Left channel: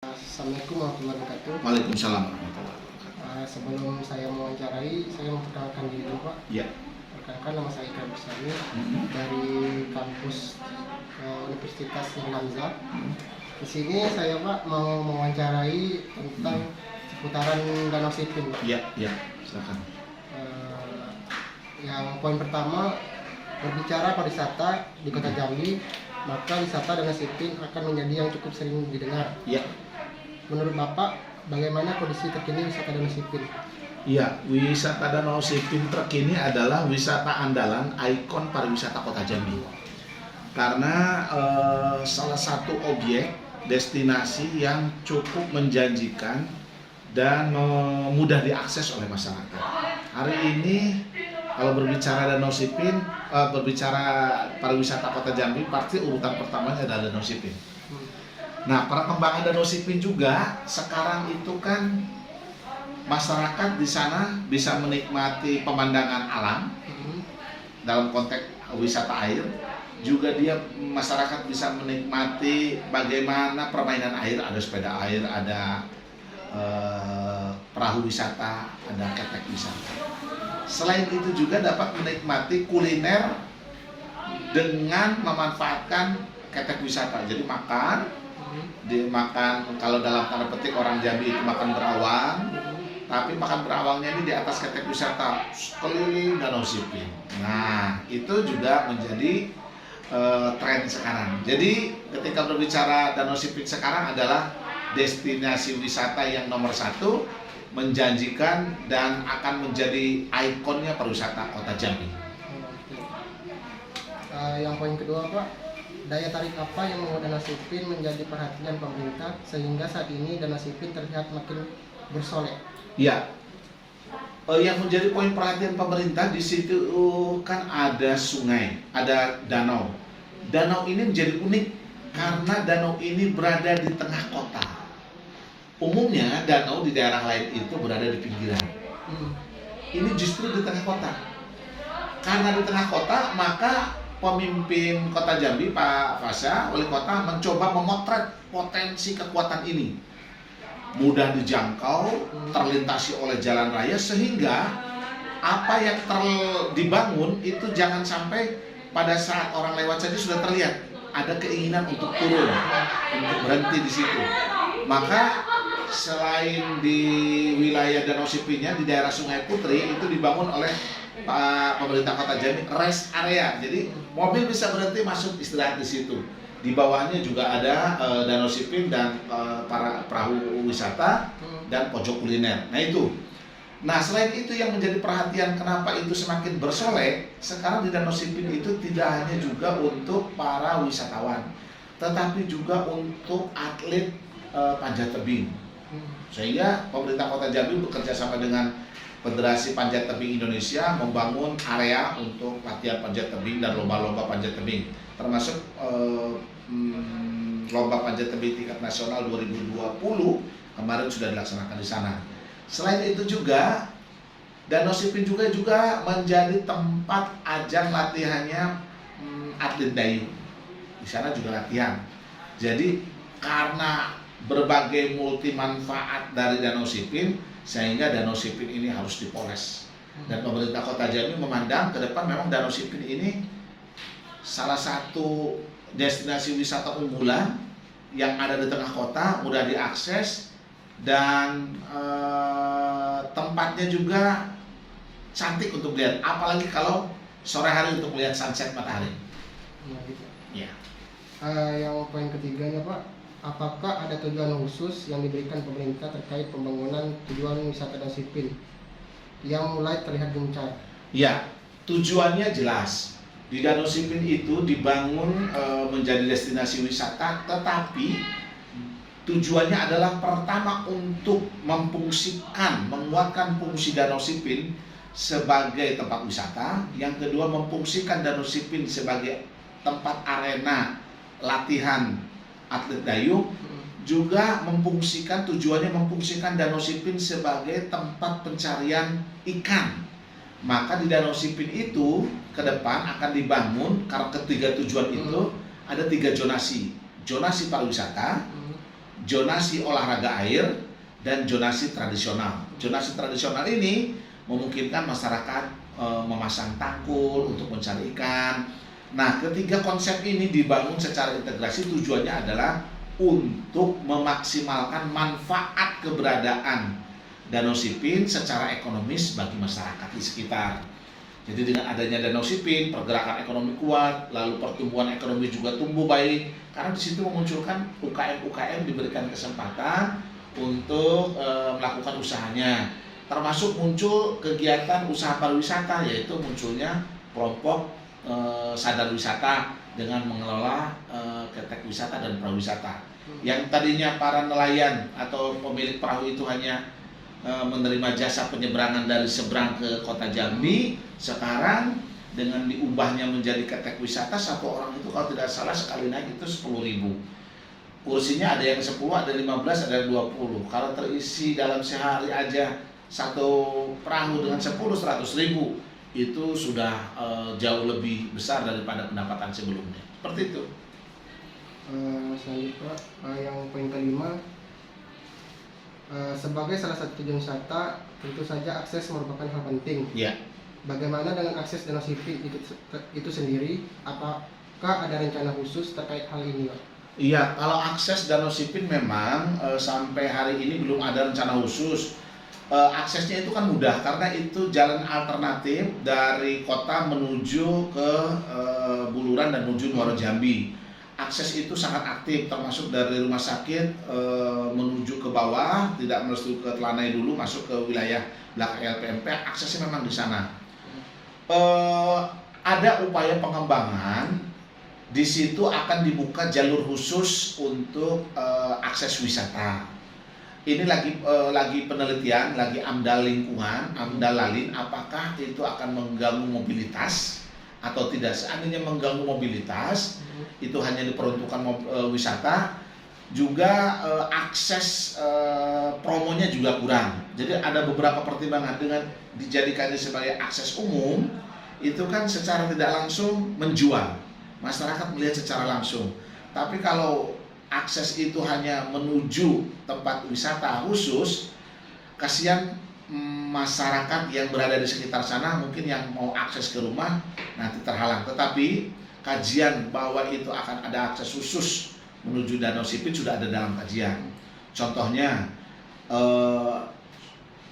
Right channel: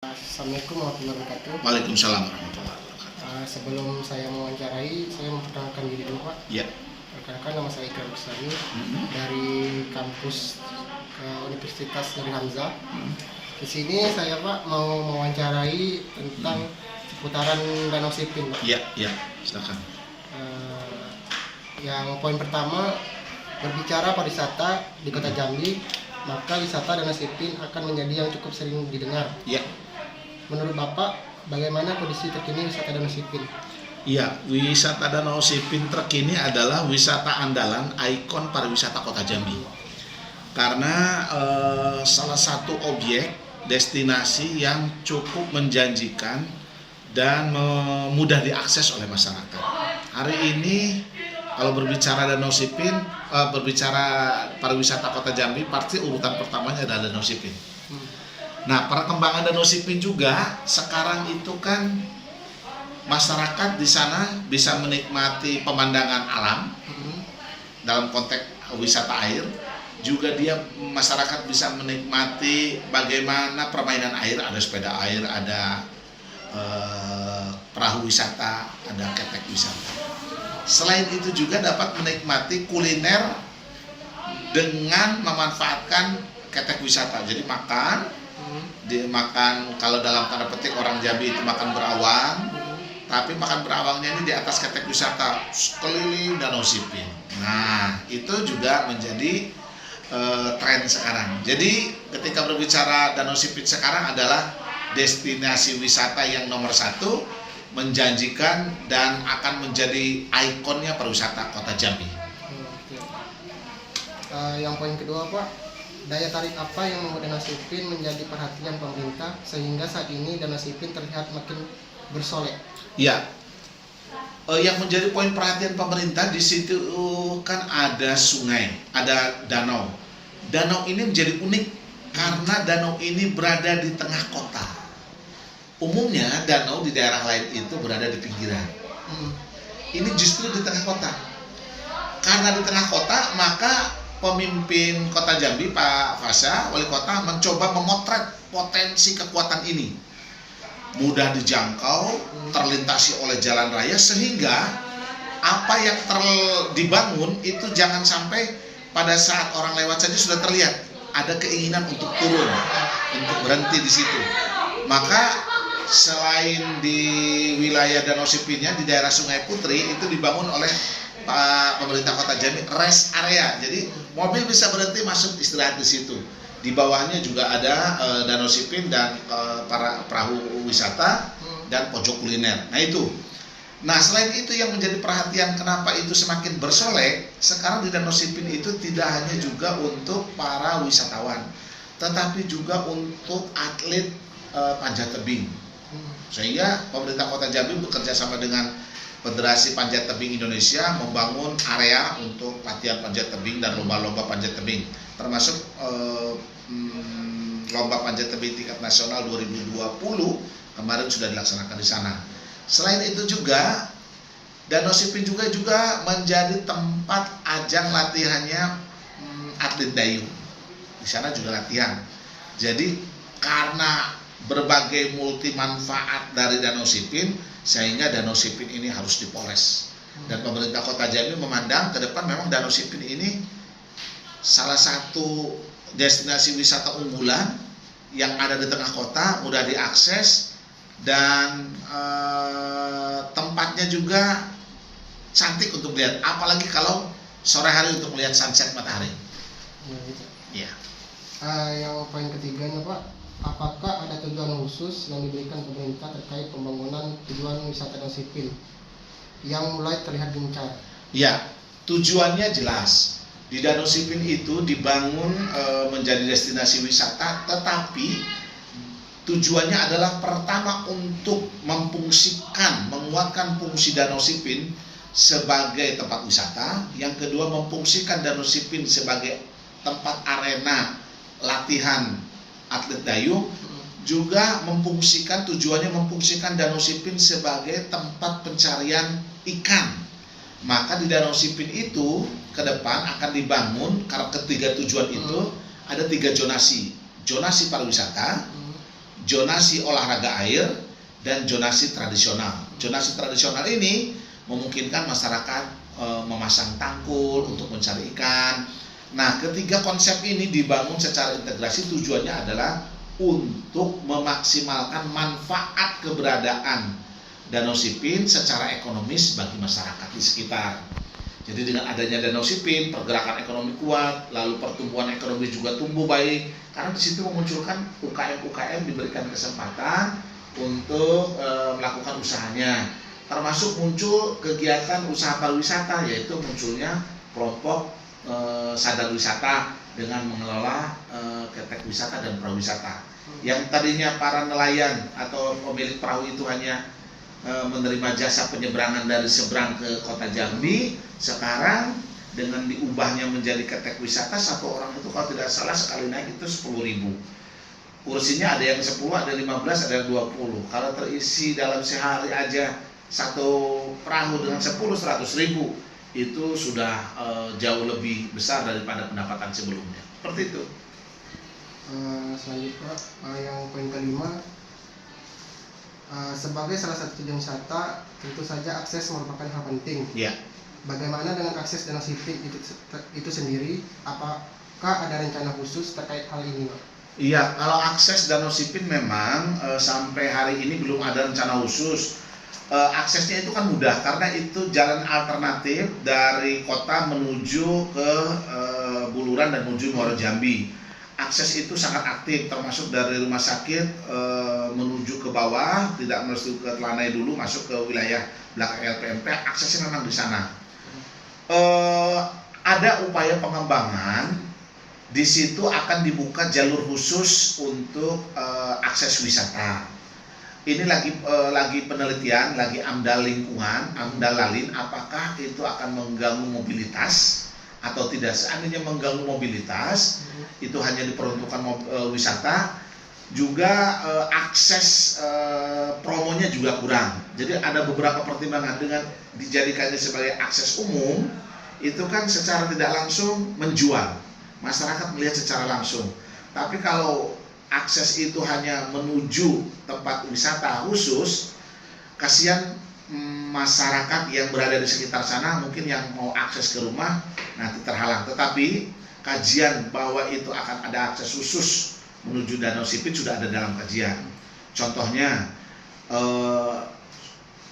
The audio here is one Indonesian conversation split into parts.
Assalamualaikum warahmatullahi wabarakatuh. Waalaikumsalam warahmatullahi wabarakatuh. Sebelum saya mewawancarai, saya memperkenalkan diri dulu, Pak. Iya. Perkenalkan, nama saya Ikrar Besari dari kampus Universitas Negeri Hamzah. Di sini saya, Pak, mau mewawancarai tentang seputaran Danau Sipin, Pak. Iya, silakan. Yang poin pertama, berbicara pariwisata di Kota Jambi, maka wisata Danau Sipin akan menjadi yang cukup sering didengar. Iya. Menurut Bapak, bagaimana kondisi terkini wisata Danau Sipin? Iya, wisata Danau Sipin terkini adalah wisata andalan ikon pariwisata Kota Jambi. Karena salah satu objek destinasi yang cukup menjanjikan dan mudah diakses oleh masyarakat. Hari ini kalau berbicara Danau Sipin, berbicara pariwisata Kota Jambi, pasti urutan pertamanya adalah Danau Sipin. Nah, perkembangan Danau Sipin juga sekarang itu kan masyarakat di sana bisa menikmati pemandangan alam dalam konteks wisata air. Juga masyarakat bisa menikmati bagaimana permainan air, ada sepeda air, ada perahu wisata, ada ketek wisata. Selain itu juga dapat menikmati kuliner dengan memanfaatkan ketek wisata. Jadi dimakan, kalau dalam tanda petik orang Jambi itu makan berawang, tapi makan berawangnya ini di atas ketek wisata keliling Danau Sipin. Nah, itu juga menjadi tren sekarang. Jadi ketika berbicara Danau Sipin sekarang adalah destinasi wisata yang nomor satu, menjanjikan dan akan menjadi ikonnya pariwisata Kota Jambi. Yang poin kedua, Pak, daya tarik apa yang membuat Danau Sipin menjadi perhatian pemerintah sehingga saat ini Danau Sipin terlihat makin bersolek? Ya, yang menjadi poin perhatian pemerintah di situ kan ada sungai, ada danau. Danau ini menjadi unik karena danau ini berada di tengah kota. Umumnya danau di daerah lain itu berada di pinggiran. Ini justru di tengah kota. Karena di tengah kota, maka pemimpin Kota Jambi, Pak Fasha, wali kota, mencoba memotret potensi kekuatan ini. Mudah dijangkau, terlintasi oleh jalan raya, sehingga apa yang dibangun itu jangan sampai pada saat orang lewat saja sudah terlihat ada keinginan untuk turun, untuk berhenti di situ. Maka selain di wilayah Danau Sipinnya, di daerah Sungai Putri itu dibangun oleh pemerintah Kota Jambi rest area, jadi mobil bisa berhenti masuk istirahat di situ. Di bawahnya juga ada Danau Sipin dan para perahu wisata dan pojok kuliner. Nah itu. Nah, selain itu yang menjadi perhatian kenapa itu semakin bersolek, sekarang di Danau Sipin itu tidak hanya juga untuk para wisatawan, tetapi juga untuk atlet panjat tebing. Sehingga pemerintah Kota Jambi bekerja sama dengan Federasi Panjat Tebing Indonesia membangun area untuk latihan panjat tebing dan lomba-lomba panjat tebing, termasuk lomba panjat tebing tingkat nasional 2020 kemarin sudah dilaksanakan di sana. Selain itu juga Danau Sipin juga menjadi tempat ajang latihannya atlet dayung. Di sana juga latihan. Jadi karena berbagai multi manfaat dari Danau Sipin, sehingga Danau Sipin ini harus dipoles. Dan pemerintah Kota Jambi memandang ke depan memang Danau Sipin ini salah satu destinasi wisata unggulan yang ada di tengah kota, mudah diakses, dan tempatnya juga cantik untuk dilihat, apalagi kalau sore hari untuk melihat sunset matahari. Ya. Yang poin ketiganya, Pak, apakah ada tujuan khusus yang diberikan pemerintah terkait pembangunan tujuan wisata Danau Sipin yang mulai terlihat gencar? Ya, tujuannya jelas. Di Danau Sipin itu dibangun menjadi destinasi wisata, tetapi tujuannya adalah pertama untuk menguatkan fungsi Danau Sipin sebagai tempat wisata. Yang kedua, memfungsikan Danau Sipin sebagai tempat arena latihan atlet dayung, juga tujuannya memfungsikan Danau Sipin sebagai tempat pencarian ikan. Maka di Danau Sipin itu ke depan akan dibangun, karena ketiga tujuan itu ada 3 zonasi. Zonasi pariwisata, zonasi olahraga air, dan zonasi tradisional. Zonasi tradisional ini memungkinkan masyarakat memasang tangkul untuk mencari ikan. Nah, ketiga konsep ini dibangun secara integrasi, tujuannya adalah untuk memaksimalkan manfaat keberadaan Danau Sipin secara ekonomis bagi masyarakat di sekitar. Jadi dengan adanya Danau Sipin, pergerakan ekonomi kuat, lalu pertumbuhan ekonomi juga tumbuh baik, karena di situ memunculkan UKM-UKM diberikan kesempatan untuk melakukan usahanya, termasuk muncul kegiatan usaha pariwisata, yaitu munculnya kelompok sadar wisata dengan mengelola ketek wisata dan pariwisata. Yang tadinya para nelayan atau pemilik perahu itu hanya menerima jasa penyeberangan dari seberang ke kota Jambi, sekarang dengan diubahnya menjadi ketek wisata, satu orang itu kalau tidak salah sekali naik itu 10.000. Kursinya ada yang 10, ada 15, ada 20. Kalau terisi dalam sehari aja satu perahu dengan 10-100.000, itu sudah jauh lebih besar daripada pendapatan sebelumnya. Seperti itu. Selanjutnya yang poin kelima, sebagai salah satu tujuan wisata, tentu saja akses merupakan hal penting. Ya. Bagaimana dengan akses Danau Sipin itu sendiri? Apakah ada rencana khusus terkait hal ini, Pak? Iya, kalau akses Danau Sipin memang sampai hari ini belum ada rencana khusus. Aksesnya itu kan mudah karena itu jalan alternatif dari kota menuju ke Buluran dan menuju Muaro Jambi. Akses itu sangat aktif, termasuk dari rumah sakit menuju ke bawah, tidak mesti ke Telanai dulu, masuk ke wilayah belakang LPMP, aksesnya memang di sana. Ada upaya pengembangan, di situ akan dibuka jalur khusus untuk akses wisata. Ini lagi penelitian, lagi AMDAL lingkungan, AMDAL Lalin, apakah itu akan mengganggu mobilitas atau tidak. Seandainya mengganggu mobilitas, itu hanya diperuntukkan wisata, juga akses promonya juga kurang. Jadi ada beberapa pertimbangan dengan dijadikannya sebagai akses umum, itu kan secara tidak langsung menjual, masyarakat melihat secara langsung. Tapi kalau akses itu hanya menuju tempat wisata khusus, kasihan masyarakat yang berada di sekitar sana, mungkin yang mau akses ke rumah nanti terhalang. Tetapi kajian bahwa itu akan ada akses khusus menuju Danau Sipin sudah ada dalam kajian. Contohnya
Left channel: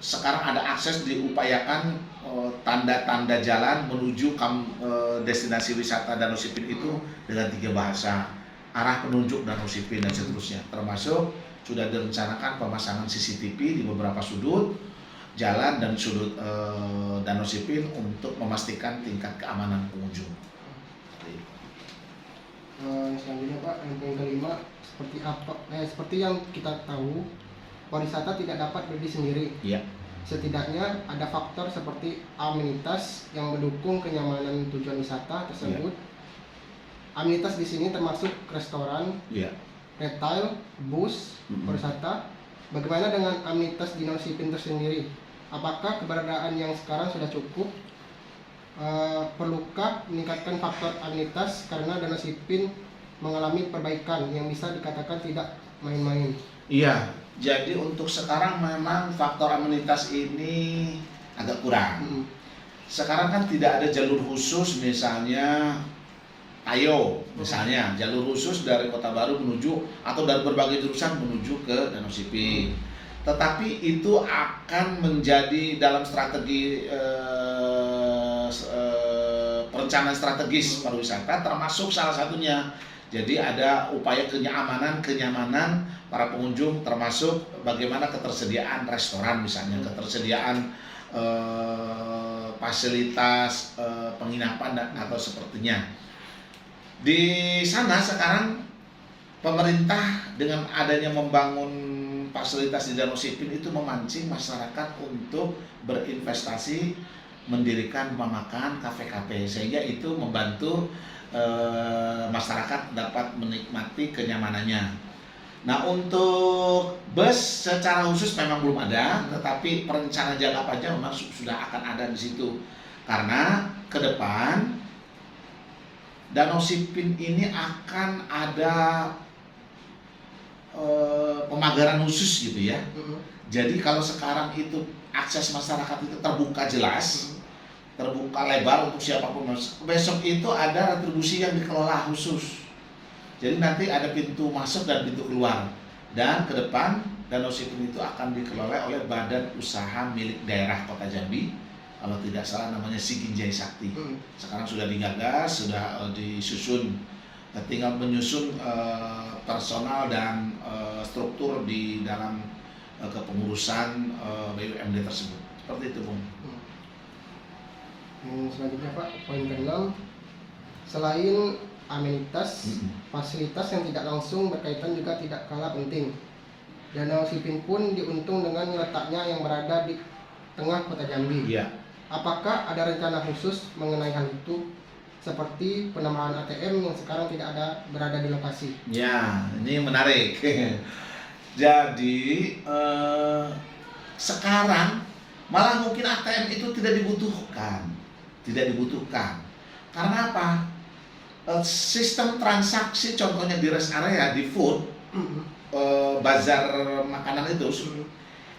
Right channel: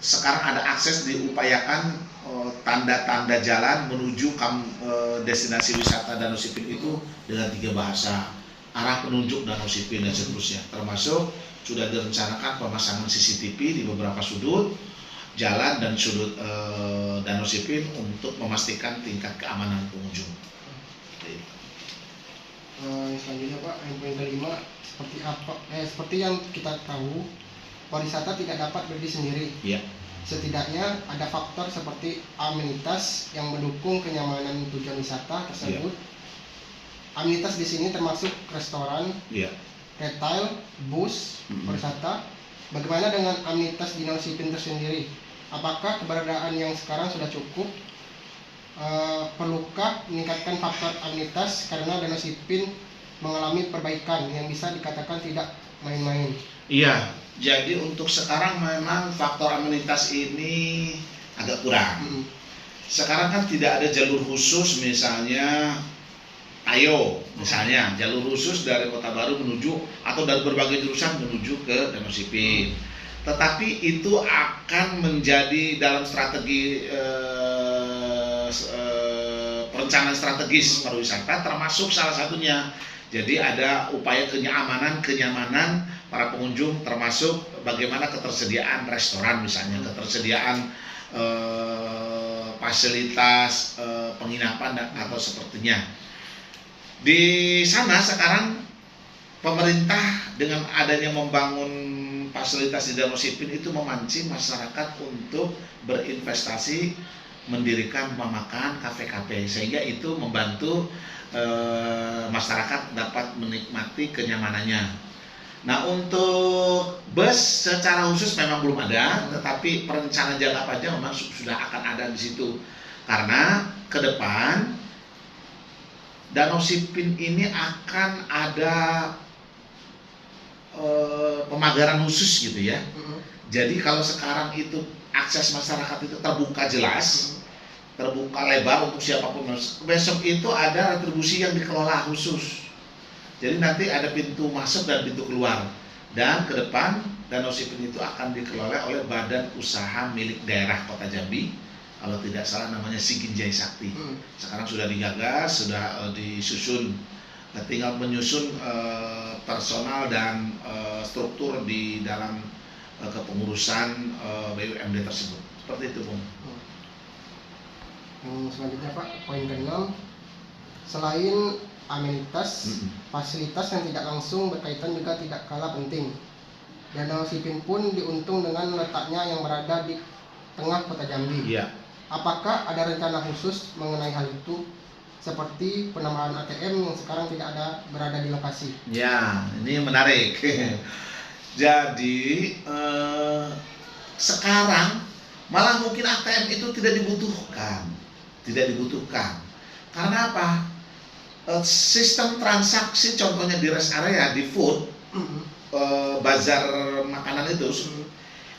sekarang ada akses diupayakan tanda-tanda jalan menuju destinasi wisata Danau Sipin itu dengan 3 bahasa, arah penunjuk Danau Sipin dan seterusnya. Termasuk sudah direncanakan pemasangan CCTV di beberapa sudut jalan dan sudut Danau Sipin untuk memastikan tingkat keamanan pengunjung. Selanjutnya, Pak, yang poin kelima, seperti yang kita tahu, pariwisata tidak dapat berdiri sendiri. Ya. Setidaknya ada faktor seperti amenitas yang mendukung kenyamanan tujuan wisata tersebut. Amenitas di sini termasuk restoran, retail, bus, pariwisata. Bagaimana dengan amenitas di Danau Sipin tersendiri? Apakah keberadaan yang sekarang sudah cukup? Perlukah meningkatkan faktor amenitas karena Danau Sipin mengalami perbaikan yang bisa dikatakan tidak main-main? Iya, jadi untuk sekarang memang faktor amenitas ini agak kurang. Sekarang kan tidak ada jalur khusus, misalnya Ayo, misalnya jalur khusus dari Kota Baru menuju atau dari berbagai jurusan menuju ke Danau Sipin. Tetapi itu akan menjadi dalam strategi perencanaan strategis pariwisata, termasuk salah satunya. Jadi ada upaya kenyamanan para pengunjung, termasuk bagaimana ketersediaan restoran misalnya, ketersediaan fasilitas penginapan atau sepertinya. Di sana sekarang pemerintah dengan adanya membangun fasilitas di Danau Sipin itu memancing masyarakat untuk berinvestasi mendirikan rumah makan, kafe-kafe, sehingga itu membantu masyarakat dapat menikmati kenyamanannya. Nah, untuk bus secara khusus memang belum ada, tetapi perencanaan jangka panjang memang sudah akan ada di situ. Karena ke depan Danau Sipin ini akan ada pemagaran khusus gitu ya. Mm-mm. Jadi kalau sekarang itu akses masyarakat itu terbuka jelas, terbuka lebar untuk siapapun masuk. Besok itu ada retribusi yang dikelola khusus. Jadi nanti ada pintu masuk dan pintu keluar. Dan ke depan Danau Sipin itu akan dikelola oleh Badan Usaha Milik Daerah Kota Jambi. Kalau tidak salah namanya Siginjai Sakti. Sekarang sudah digagas, sudah disusun. Nah, tinggal menyusun personal dan struktur di dalam kepengurusan BUMD tersebut. Seperti itu, Bung. Yang selanjutnya Pak, poin ke-6, selain amenitas, fasilitas yang tidak langsung berkaitan juga tidak kalah penting. Danau Sipin pun diuntung dengan letaknya yang berada di tengah kota Jambi. Iya. Apakah ada rencana khusus mengenai hal itu, seperti penambahan ATM yang sekarang tidak ada berada di lokasi? Ya, ini menarik. Jadi sekarang malah mungkin ATM itu tidak dibutuhkan. Karena apa? Sistem transaksi contohnya di rest area, di food, bazar makanan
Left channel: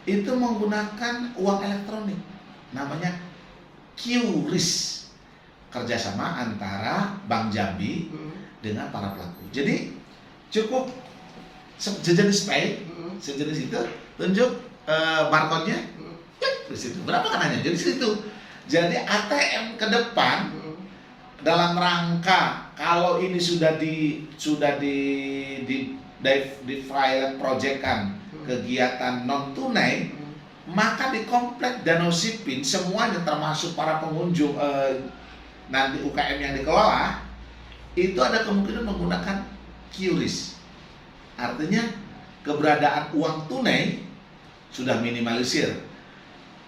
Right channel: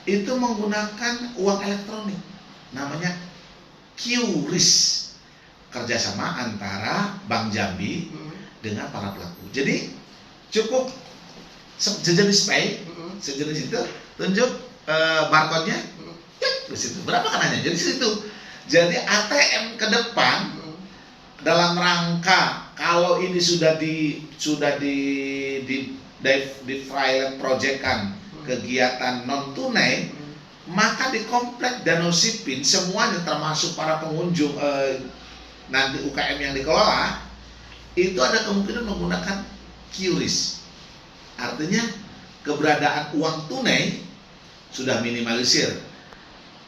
itu menggunakan uang elektronik, namanya QRIS, kerjasama antara Bank Jambi dengan para pelaku. Jadi cukup sejenis pay, sejenis itu, tunjuk barcode-nya, klik di situ. Berapa kan hanya? Jadi situ. Jadi ATM ke depan dalam rangka kalau ini sudah di file projectkan kegiatan non tunai, maka di komplek Danau Sipin semuanya termasuk para pengunjung nanti UKM yang dikelola itu ada kemungkinan menggunakan QRIS. Artinya keberadaan uang tunai sudah minimalisir.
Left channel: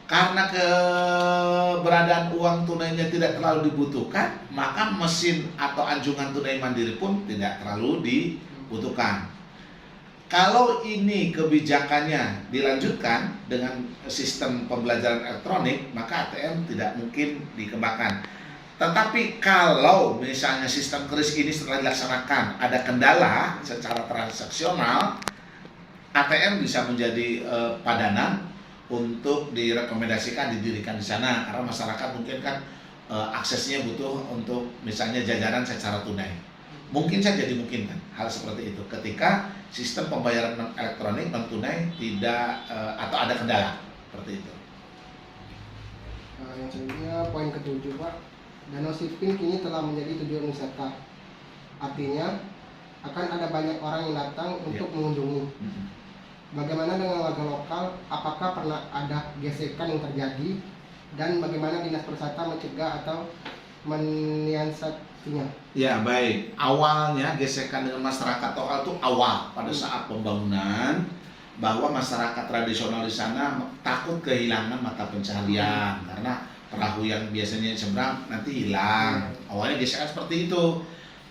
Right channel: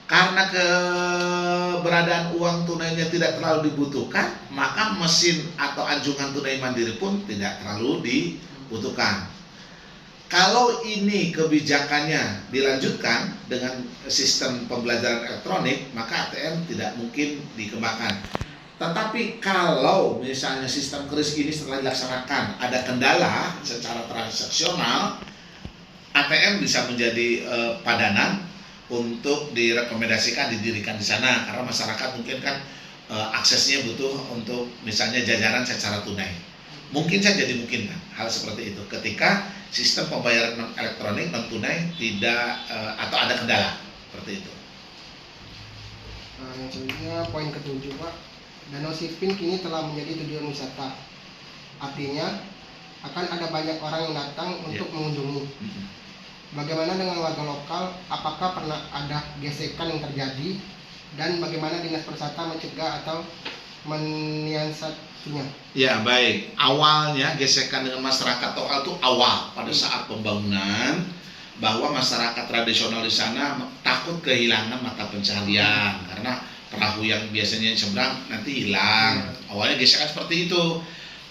Karena keberadaan uang tunainya tidak terlalu dibutuhkan, maka mesin atau anjungan tunai mandiri pun tidak terlalu dibutuhkan. Kalau ini kebijakannya dilanjutkan dengan sistem pembelajaran elektronik, maka ATM tidak mungkin dikembangkan. Tetapi kalau misalnya sistem QRIS ini setelah dilaksanakan ada kendala secara transaksional, ATM bisa menjadi padanan untuk direkomendasikan didirikan di sana, karena masyarakat mungkin kan aksesnya butuh untuk misalnya jajaran secara tunai. Mungkin saja dimungkinkan hal seperti itu ketika sistem pembayaran elektronik non tunai tidak atau ada kendala seperti itu. Yang selanjutnya poin ke-7 Pak, Danau Sipin kini telah menjadi tujuan wisata. Artinya akan ada banyak orang yang datang untuk mengunjungi. Bagaimana dengan warga lokal? Apakah pernah ada gesekan yang terjadi? Dan bagaimana dinas pariwisata mencegah atau menyiasatinya? Ya baik, awalnya gesekan dengan masyarakat lokal itu awal pada saat pembangunan, bahwa masyarakat tradisional di sana takut kehilangan mata pencaharian karena perahu yang biasanya seberang nanti hilang. Awalnya gesekan seperti itu.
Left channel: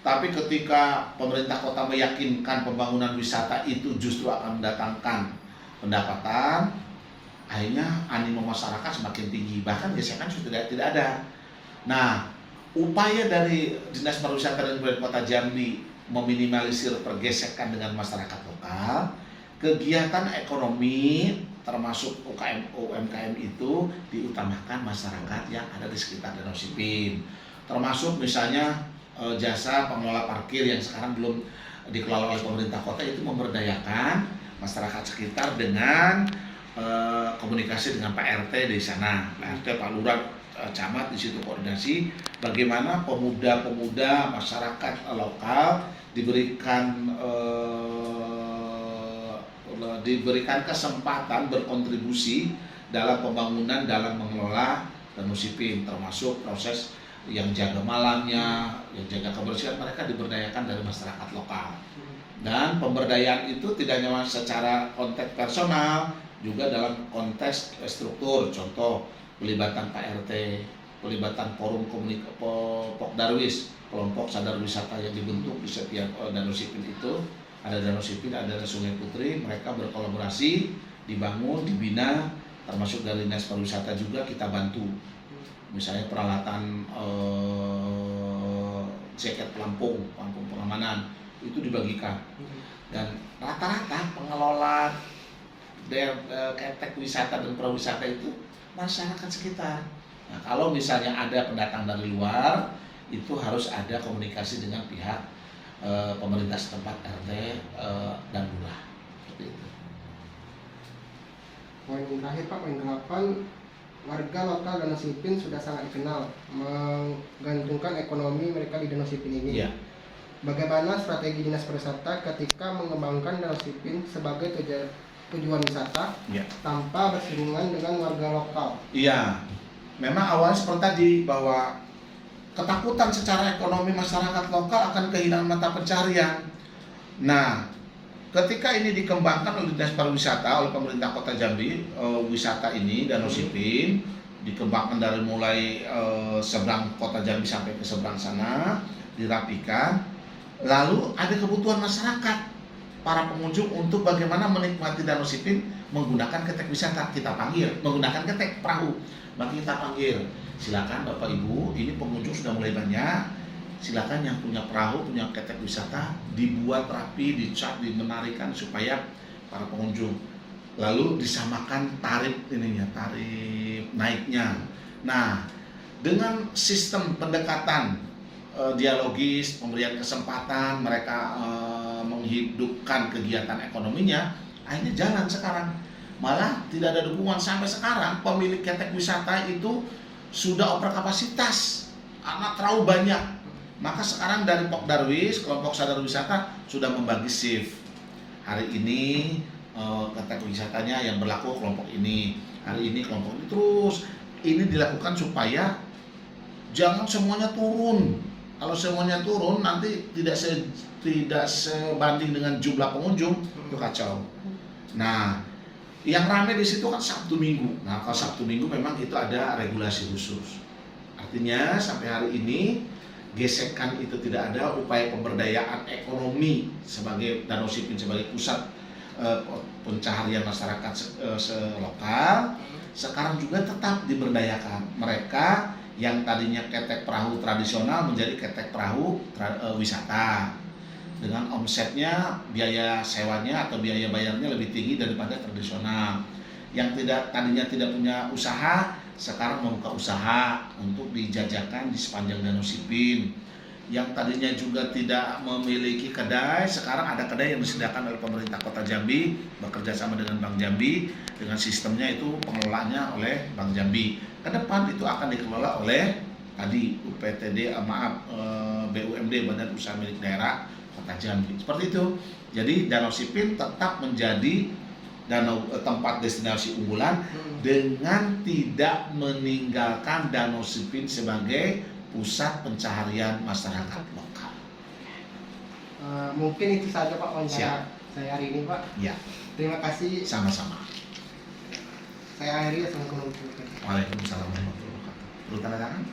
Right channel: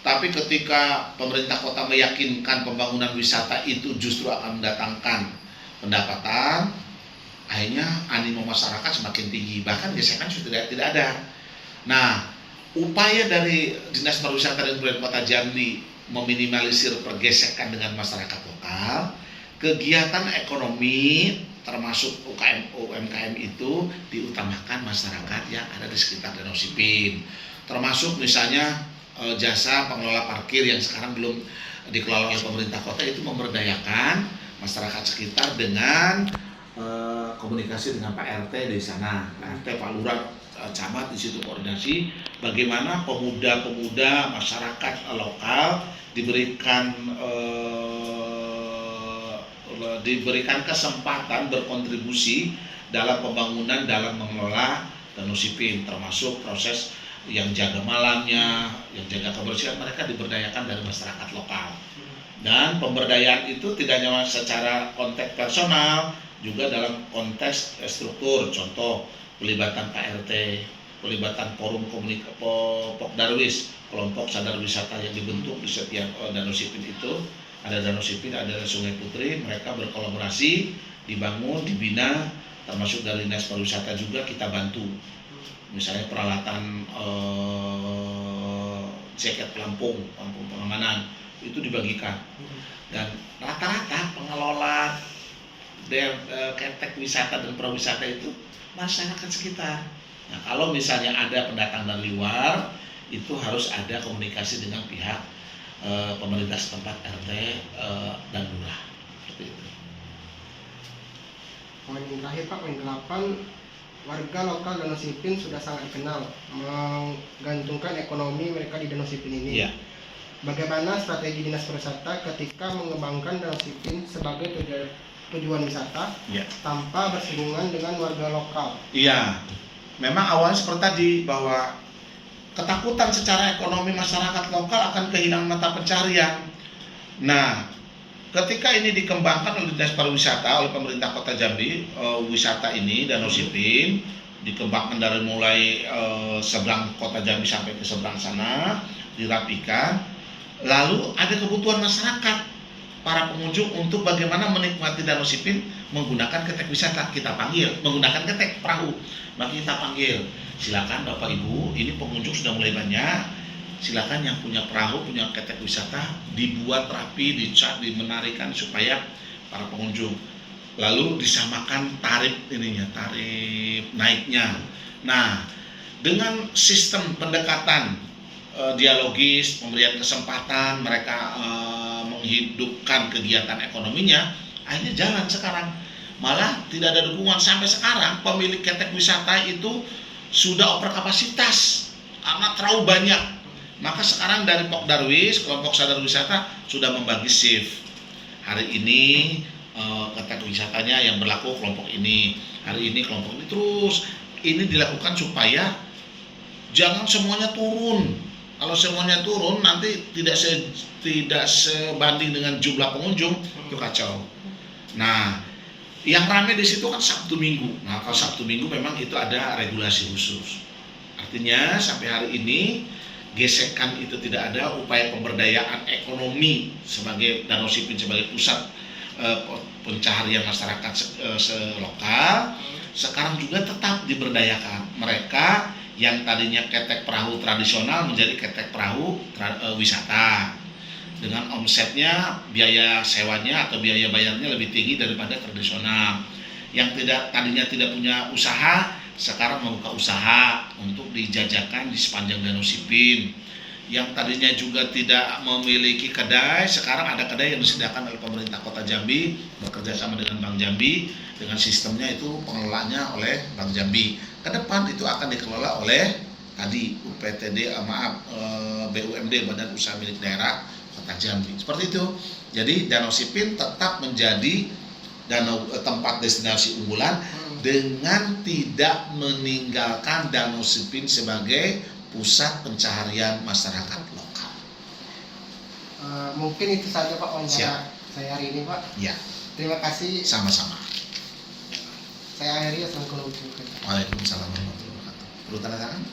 Tapi ketika pemerintah kota meyakinkan pembangunan wisata itu justru akan mendatangkan pendapatan, akhirnya animo masyarakat semakin tinggi, bahkan gesekan sudah tidak ada. Nah, upaya dari Dinas Pariwisata dan Kebudayaan Kota Jambi meminimalisir pergesekan dengan masyarakat lokal, kegiatan ekonomi termasuk UMKM itu diutamakan masyarakat yang ada di sekitar Danau Sipin, termasuk misalnya jasa pengelola parkir yang sekarang belum dikelola oleh pemerintah kota, itu memberdayakan masyarakat sekitar dengan komunikasi dengan Pak RT di sana, Pak RT, Pak Lurah, camat di situ koordinasi bagaimana pemuda-pemuda masyarakat lokal diberikan kesempatan berkontribusi dalam pembangunan, dalam mengelola Danau Sipin, termasuk proses yang jaga malamnya, yang jaga kebersihan, mereka diberdayakan dari masyarakat lokal. Dan pemberdayaan itu tidak hanya secara konteks personal, juga dalam konteks struktur, contoh pelibatan Pak RT, pelibatan forum Pokdarwis, kelompok sadar wisata yang dibentuk di setiap Danau Sipin itu. Ada Danau Sipin, ada Sungai Putri, mereka berkolaborasi, dibangun, dibina, termasuk dari Dinas Pariwisata juga kita bantu. Misalnya peralatan jaket pelampung pengamanan itu dibagikan. Dan rata-rata pengelola ketek wisata dan pariwisata itu masyarakat sekitar. Nah, kalau misalnya ada pendatang dari luar, itu harus ada komunikasi dengan pihak pemerintah setempat, RT dan lurah. Seperti itu. Poin terakhir Pak, poin 8, warga lokal Danau Sipin sudah sangat dikenal menggantungkan ekonomi mereka di Danau Sipin ini. Iya. Bagaimana strategi Dinas Pariwisata ketika mengembangkan Danau Sipin sebagai tujuan wisata tanpa bersinggungan dengan warga lokal? Iya, memang awalnya seperti tadi bahwa ketakutan secara ekonomi masyarakat lokal akan kehilangan mata pencarian. Nah, ketika ini dikembangkan oleh Dinas Pariwisata, oleh pemerintah Kota Jambi, wisata ini Danau Sipin dikembangkan dari mulai seberang Kota Jambi sampai ke seberang sana, dirapikan. Lalu ada kebutuhan masyarakat, para pengunjung untuk bagaimana menikmati Danau Sipin menggunakan ketek wisata. Kita panggil menggunakan ketek perahu, maka kita panggil, silakan Bapak Ibu, ini pengunjung sudah mulai banyak, silakan yang punya perahu, punya ketek wisata dibuat rapi, dicat, dimenarikan supaya para pengunjung. Lalu disamakan tarif tarif naiknya. Nah, dengan sistem pendekatan dialogis, pemberian kesempatan mereka menghidupkan kegiatan ekonominya, akhirnya jalan sekarang. Malah tidak ada dukungan sampai sekarang, pemilik ketek wisata itu sudah over kapasitas karena terlalu banyak. Maka sekarang dari Pok Darwis, kelompok sadar wisata sudah membagi shift. Hari ini ketek wisatanya yang berlaku kelompok ini, hari ini kelompok ini, terus ini dilakukan supaya jangan semuanya turun. Kalau semuanya turun nanti tidak sebanding dengan jumlah pengunjung, itu kacau. Nah, yang ramai di situ kan Sabtu Minggu. Nah, kalau Sabtu Minggu memang itu ada regulasi khusus. Artinya sampai hari ini gesekan itu tidak ada, upaya pemberdayaan ekonomi sebagai Danau Sipin sebagai pusat pencaharian masyarakat selokal sekarang juga tetap diberdayakan. Mereka yang tadinya ketek perahu tradisional menjadi ketek perahu wisata dengan omsetnya, biaya sewanya atau biaya bayarnya lebih tinggi daripada tradisional. Yang tadinya tidak punya usaha sekarang membuka usaha untuk dijajakan di sepanjang Danau Sipin. Yang tadinya juga tidak memiliki kedai, sekarang ada kedai yang disediakan oleh pemerintah Kota Jambi bekerja sama dengan Bank Jambi, dengan sistemnya itu pengelolaannya oleh Bank Jambi. Ke depan itu akan dikelola oleh tadi BUMD, Badan Usaha Milik Daerah Kota Jambi. Seperti itu. Jadi Danau Sipin tetap menjadi tempat destinasi unggulan dengan tidak meninggalkan Danau Sipin sebagai pusat pencaharian masyarakat lokal. Mungkin itu saja Pak wawancara saya hari ini Pak. Ya. Terima kasih. Sama-sama. Saya akhiri. Assalamualaikum warahmatullahi wabarakatuh. Waalaikumsalam warahmatullahi wabarakatuh. Perlu tanda tangan?